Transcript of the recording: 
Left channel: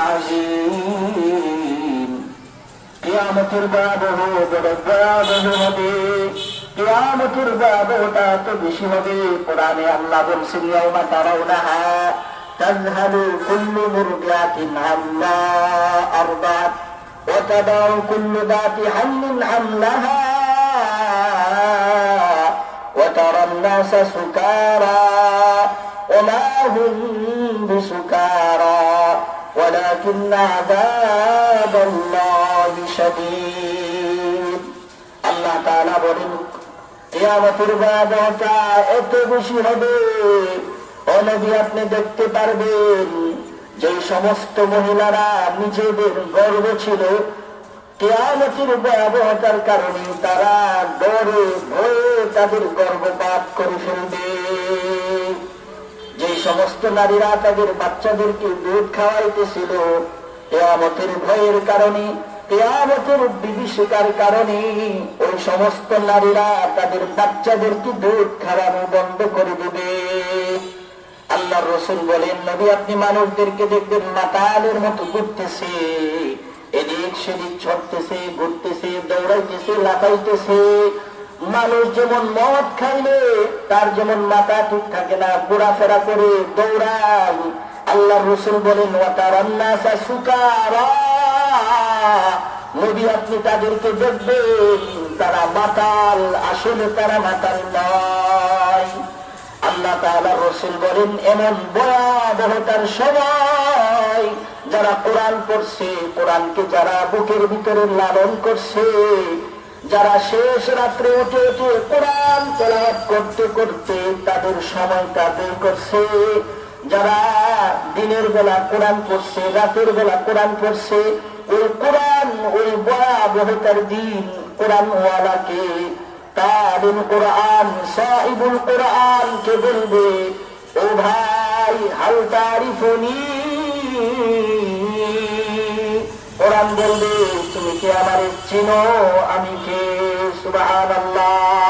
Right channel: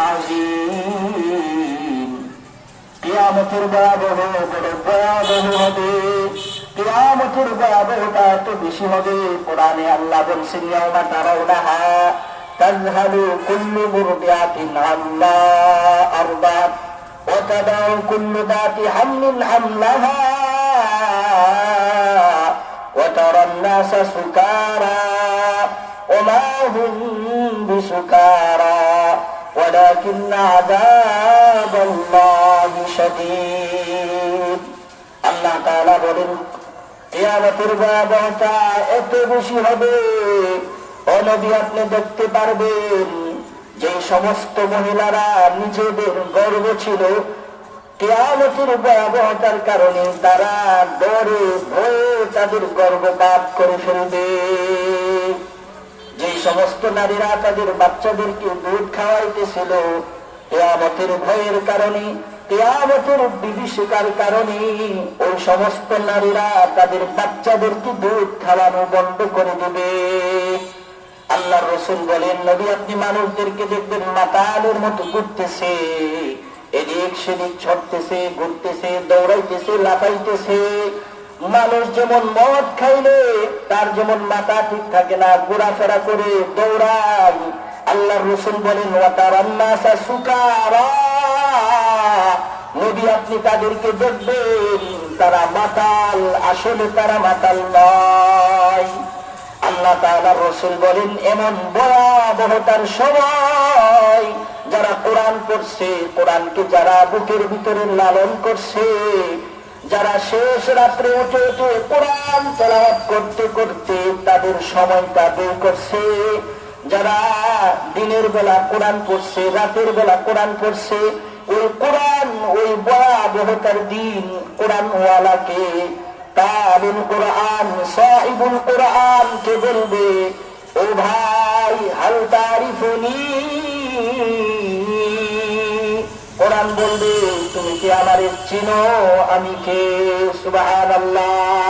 عظيم কিয়ামতের ভয়াবহ বড় ভয়াবহ হবে কিয়ামতের ভয়াবহতা তো বেশি হবে কোরআনে আল্লাহ বলছেন ইয়াউমা তারাউনাহা তাযহালু কুল্লু মুরদিআতিন আম্মা আরদাত ওয়া তাদাউ কুল্লু যাতি হামলিন হামলাহা ওয়া তারান নাসা সুকারা ওয়া মা হুম বিসুকারা ولكن عذاب الله شديد আল্লাহ তাআলা বলেন কিয়ামতের ভয়াবহতা এত বেশি হবে ও নবী আপনি দেখতে পারবেন যে সমস্ত মহিলারা নিজেদের গর্ব ছিল কিয়ামতের ভয়াবহতার কারণে তারা ডরে ভয়ে তাদের গর্ভপাত করে ফেলবে যে সমস্ত নারীরা তাদের বাচ্চাদেরকে দুধ খাওয়াইতেছিল কিয়ামতের ভয়ের কারণে কিয়ামতের বিভীষিকার কারণে ওই সমস্ত নারীরা তাদের বাচ্চাদেরকে দুধ খাওয়ানো বন্ধ করে দেবে আল্লাহ রাসূল বলেন নবী আপনি মানুষদেরকে দেখবেন মাতালের মতো ঘুরতেছে এদিক সেদিক ছড়তেছে ঘুরতেছে দৌড়াইতেছে লাফাইতেছে মানুষ যেমন মদ খাইলে তার যেমন মাথা ঠিক থাকে না ঘোরাফেরা করে দৌড়ান আল্লাহ রাসূল বলেন ওয়া তারান নাসা সুকারা নবী আপনি তাদেরকে দেখবেন তারা মাতাল আসলে তারা মাতাল নয় আল্লাহ তাআলা রাসূল বলেন এমন ভয়াবহতার সময় যারা কোরআন পড়ছে কোরআনকে যারা বুকের ভিতরে লালন করছে যারা শেষ রাত্রে উঠে উঠে কোরআন তেলাওয়াত করতে করতে তাদের সময়টা বের করছে যারা দিনের বেলা কোরআন পড়ছে রাতের বেলা কোরআন পড়ছে ওই কোরআন ওই ভয়াবহতার দিন কোরআন ওয়ালাকে তালিম কোরআন সাহিবুল কোরআন কে বলবে ও ভাই হাল তারিফুনি কোরআন বলবে তুমি কি আমারে চিনো আমি কে সুবহানাল্লাহ